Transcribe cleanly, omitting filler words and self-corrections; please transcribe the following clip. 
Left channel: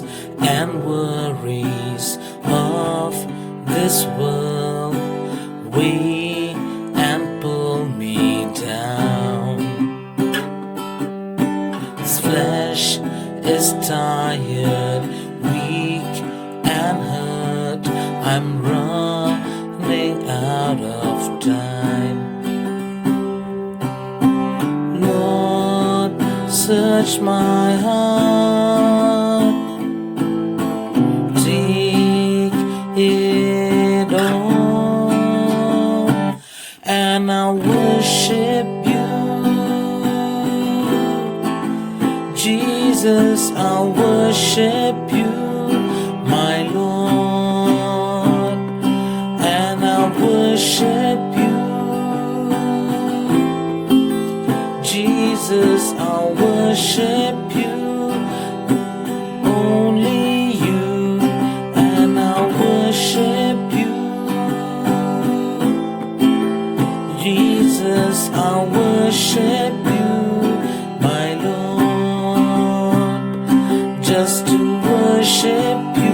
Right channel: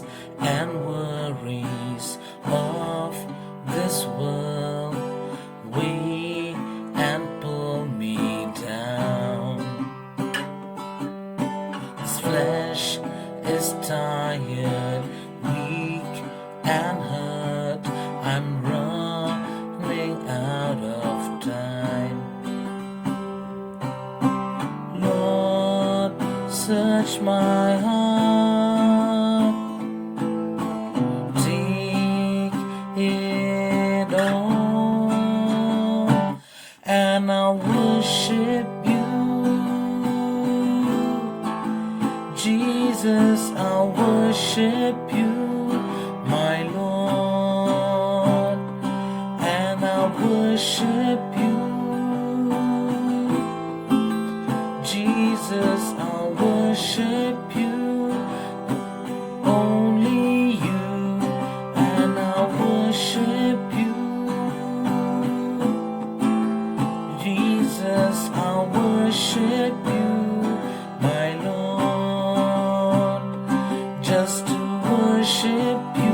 cares and worries of this world weigh and pull me down. This flesh is tired, weak and hurt. I'm running out of time. Lord, search my heart, take it all, and I'll worship you. Jesus, I'll worship you, my Lord, and I'll worship you. Jesus, I'll worship you, only you, and I'll worship you. Jesus, I'll worship you, my Lord, just to worship you.